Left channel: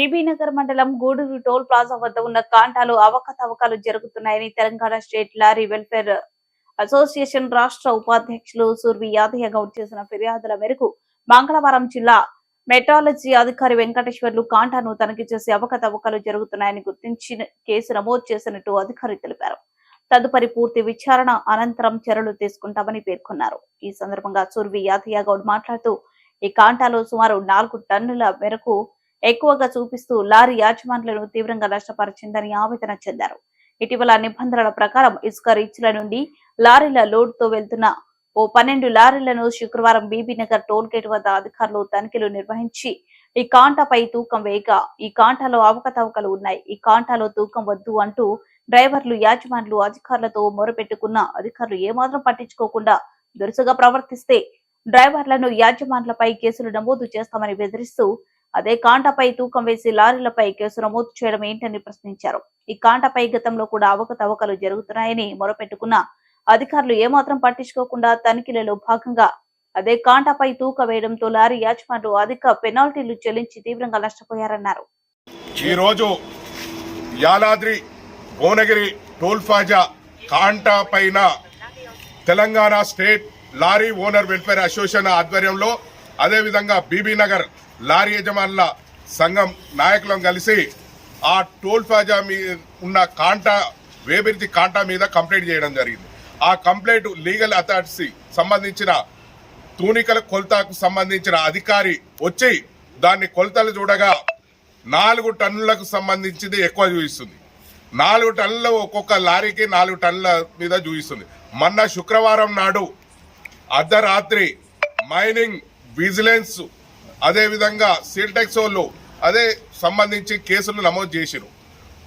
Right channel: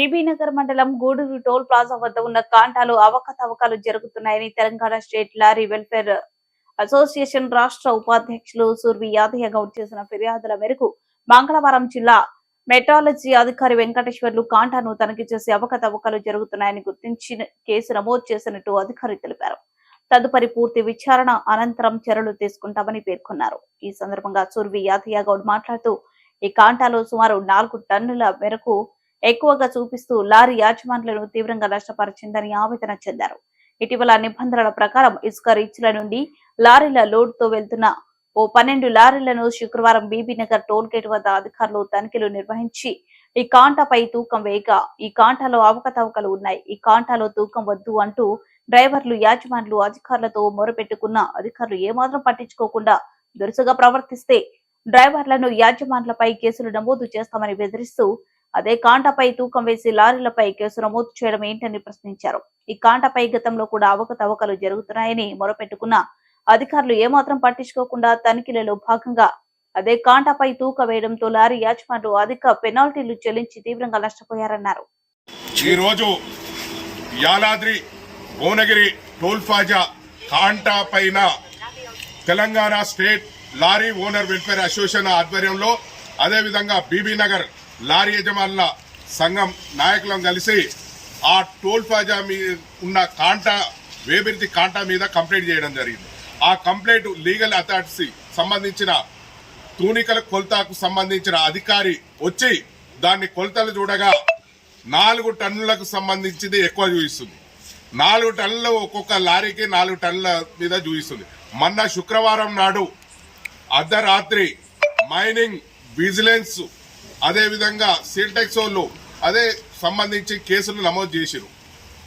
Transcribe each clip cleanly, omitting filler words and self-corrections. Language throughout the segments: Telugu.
బీబీనగర్ మండలం గూడూరు టోల్ ప్లాజా వద్ద ఉన్న కాంటాలు అవకతవకలు జరుగుతున్నాయని Telangana state lorry welfare association రాష్ట్ర ఉపాధ్యక్షులు సుర్వి యాదయ్య గౌడ్ చేసిన ఫిర్యాదుల మేరకు మంగళవారం జిల్లా మెట్రాలజీ అధికారి వెంకటేశ్వర్లు కాంటాను తనిఖీ చేసి అవకతవకలు జరుగుతున్నాయని గుర్తించి కేసు నమోదు చేసినట్టు అధికారి తెలిపారు. తదుపరి పూర్తి విచారణ అనంతరం చర్యలు తీసుకుంటామని పేర్కొన్నారు. ఈ సందర్భంగా సుర్వి యాదయ్య గౌడ్ మాట్లాడుతూ ఈ కాంటాలో సుమారు 4 టన్నుల మేరకు ఎక్కువగా చూపిస్తూ లారీ యాజమాన్యులను తీవ్రంగా నష్టపరిచిందని ఆవేదన చెందారు. ఇటీవల నిబంధనల ప్రకారం ఇసుక రీచ్ల నుండి లారీల లోడ్ తో వెళ్తున్న ఓ 12 లారీలను శుక్రవారం బీబీనగర్ టోల్ గేట్ వద్ద అధికారులు తనిఖీలు నిర్వహించి ఈ కాంటాపై తూకం వేయగా ఈ కాంటాలో అవకతవకలు ఉన్నాయి, ఈ కాంటాలో తూకం వద్దు అంటూ డ్రైవర్లు యాజమాన్యులు అధికారులతో మొరపెట్టుకున్న అధికారులు ఏమాత్రం పట్టించుకోకుండా దురుసుగా ప్రవర్తిస్తే డ్రైవర్లను యాజమాన్యులపై కేసులు నమోదు చేస్తామని బెదిరిస్తూ అదే కాంటాపై తూకం వేసి లారీలపై కేసు నమోదు చేయడం ఏంటని ప్రశ్నించారు. ఈ కాంటాపై గతంలో కూడా అవకతవకలు జరుగుతున్నాయని మొరపెట్టుకున్న అధికారులు ఏమాత్రం పట్టించుకోకుండా తనిఖీలలో భాగంగా అదే కాంటాపై తూక వేయడంతో లారీ యాజమాన్యులు అధిక పెనాల్టీలు చెల్లించి తీవ్రంగా నష్టపోయారన్నారు. ఈ రోజు యాదాద్రి భువనగిరి టోల్ ప్లాజా కాంటా పైన Telangana state lorry owner welfare association ఆధ్వర్యంలో అదేవిధంగా బీబీనగర్ లారీ యజమానుల సంఘం నాయకులను కలిసి ఆ టోల్ ప్లాజా మీద ఉన్న కాంటా వేబిరితి కాంటా మీద కంప్లైంట్ చేయడం జరిగింది. ఆ కంప్లైంట్ లీగల్ అథారిటీ సంబంధించిన తూనికల కొలతకు సంబంధించిన అధికారి వచ్చి దాన్ని కొలతలు చూడగా 4 టన్నులకు సంబంధించింది ఎక్కువ చూపిస్తుంది. 4 టన్నులు ఒక్కొక్క లారీకి 4 టన్నుల మీద చూపిస్తుంది. మొన్న శుక్రవారం నాడు అర్ధరాత్రి మైనింగ్ విజిలెన్స్ అదేవిధంగా సీల్టెక్స్ వాళ్ళు అదే సంబంధించి కేసులు నమోదు చేసిరు.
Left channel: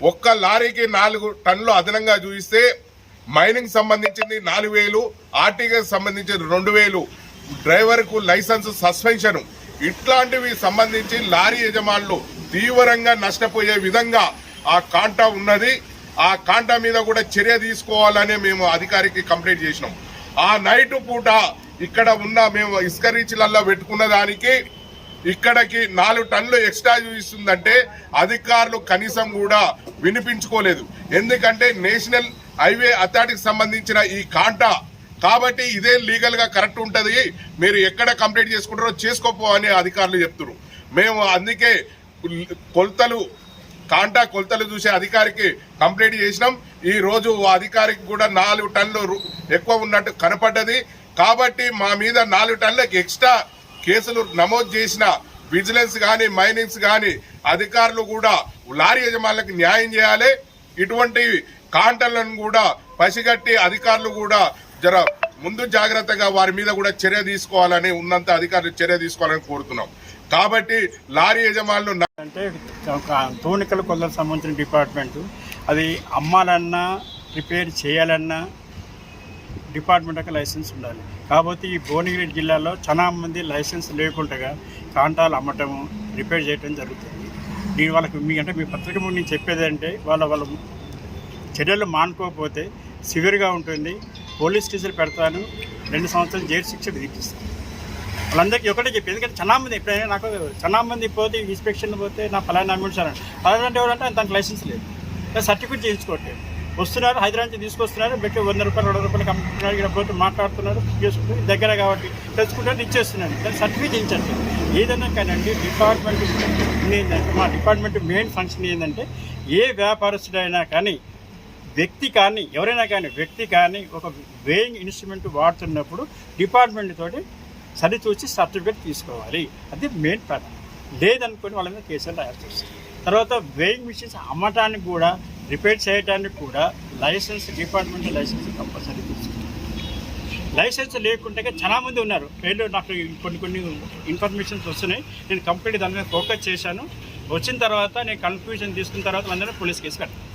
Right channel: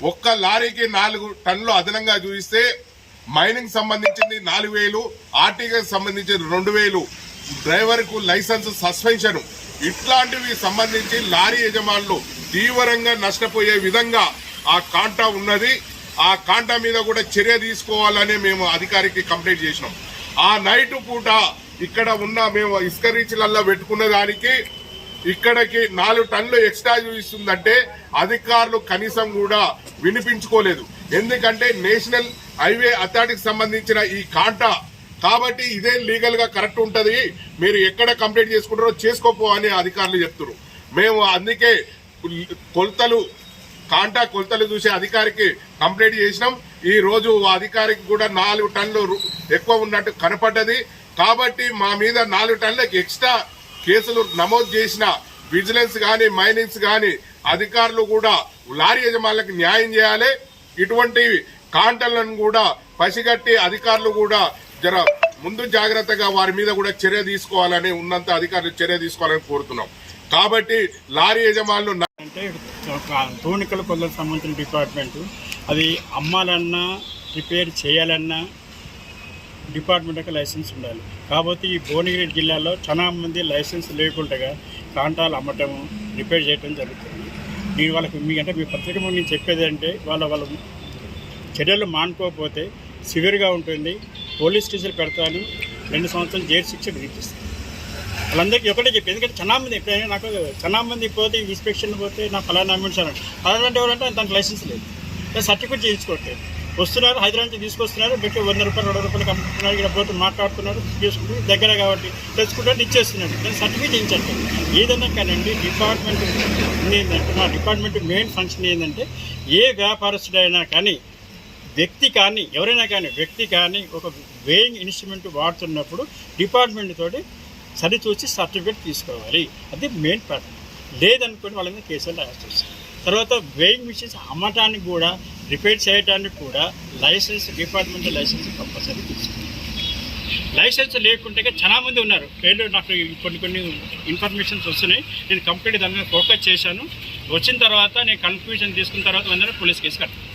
ఒక్క లారీకి 4 టన్నులు అదనంగా చూపిస్తే మైనింగ్ సంబంధించింది 4,000, ఆర్టీకి సంబంధించిన 2,000, డ్రైవర్కు లైసెన్స్ సస్పెన్షన్ ఇట్లాంటివి సంబంధించి లారీ యజమానులు తీవ్రంగా నష్టపోయే విధంగా ఆ కాంటా ఉన్నది. ఆ కాంటా మీద కూడా చర్య తీసుకోవాలని మేము అధికారికి కంప్లైంట్ చేసినాం. ఆ నైట్ పూట ఇక్కడ ఉన్న మేము ఇసుక రీచ్లల్లో పెట్టుకున్న దానికి ఇక్కడికి 4 టన్నులు ఎక్స్ట్రా చూపిస్తుందంటే అధికారులు కనీసం కూడా వినిపించుకోలేదు. ఎందుకంటే నేషనల్ హైవే అథారిటీకి సంబంధించిన ఈ కాంటా కాబట్టి ఇదే లీగల్ గా కరెక్ట్ ఉంటది, మీరు ఎక్కడ కంప్లైంట్ చేసుకుంటారో చేసుకోపో అని అధికారులు చెప్తున్నారు. మేము అందుకే కాంటా కొలతలు చూసే అధికారికి కంప్లైంట్ చేసినాం. ఈ రోజు అధికారికి కూడా 4 టన్నులు ఎక్కువ ఉన్నట్టు కనపడ్డది. కాబట్టి మా మీద 4 టన్నులకు ఎక్స్ట్రా కేసులు నమోదు చేసిన విజిలెన్స్ గాని మైనింగ్స్ గాని అధికారులు కూడా లారీ యజమానులకు న్యాయం చేయాలి. ఇటువంటి కాంటలను కూడా పసిగట్టి అధికారులు కూడా జర ముందు జాగ్రత్తగా వారి మీద కూడా చర్య తీసుకోవాలని ఉన్నంత అధికారులు చర్య తీసుకోవాలని కోరుతున్నాం. కాబట్టి లారీ యజమానులు అంటే తూనికల కొలతలకు సంబంధించిన డిపార్ట్మెంట్ అది అమ్మాలన్నా రిపేర్ చేయాలన్నా డిపార్ట్మెంట్ యొక్క లైసెన్స్ ఉండాలి. కాబట్టి ఈ భువనగిరి జిల్లాలో చాలా మంది లైసెన్స్ లేకుండా కాంటాలు అమ్మటము రిపేర్ చేయడం జరుగుతుంది. దీని వాళ్ళకి మీ పత్రిక ముందు నేను చెప్పేది అంటే వాళ్ళ చర్యలు మానుకోకపోతే సివియర్గా ఉంటుంది. పోలీస్ కేసులు పెడతాను, 2 సంవత్సరాలు జైలు శిక్ష విధిస్తాను. వాళ్ళందరికీ ఒకటే చెప్పి, ఎందుకంటే చాలా మంది ఎప్పుడైనా నాకు చాలా మంది పోతే ఇన్స్పెక్షన్ పోతే నా ఫలానా అమ్మించాను అలాంటి ఎవరంటే తనకు లైసెన్స్ లేదు, సర్టిఫికేట్ చేయించుకోవట్లేదు. వస్తున్నారు హైదరాబాద్ నుంచి తీసుకొస్తున్నారు, పెట్టి 100 రూపాయలు 200 రూపాయలు అమ్ముతున్నారు, ఇక్కడ పోతే మాట్లాడుతున్నారు, చేసుకుంటారు, దగ్గర కాబట్టి తెచ్చుకుంటే ఇచ్చేస్తున్నారు. కానీ సర్టిఫికేట్ చేయించండి. ఏదైనా కానండి డిపార్ట్మెంట్ ఏంటంటే మా డిపార్ట్మెంట్ మెయిన్ ఫంక్షన్ ఏంటంటే ఏ వ్యాపారస్తుడైనా కానీ వ్యక్తి కానీ ఎవరైనా కానీ వ్యక్తి కానీ ఒక వేయింగ్ ఇన్స్ట్రుమెంట్ వాడుతున్నప్పుడు డిపార్ట్మెంట్ తోటి సరిచూసి సర్టిఫికేట్ తీసుకోవాలి. అది మెయిన్ ప్యాటర్న్. లేదనుకోని వాళ్ళ మీద కేసులు రాయాల్సి వస్తుంది. తర్వాత వేయింగ్ మిషన్స్ అమ్మటానికి కూడా రిపేర్ చేయడానికి కూడా లైసెన్స్ డిపార్ట్మెంట్ లైసెన్స్ కంపల్సరీ తీసుకోవాలి. లైసెన్స్ లేకుంటే చాలా మంది ఉన్నారు. నాకు కొన్ని ఇన్ఫర్మేషన్స్ వస్తున్నాయి. నేను కంప్లీట్ దాని మీద ఫోకస్ చేశాను. వచ్చిన తర్వాత నేను కన్ఫ్యూజన్ తీసుకున్న తర్వాత అందరూ పోలీస్ కేసు కట్టాను.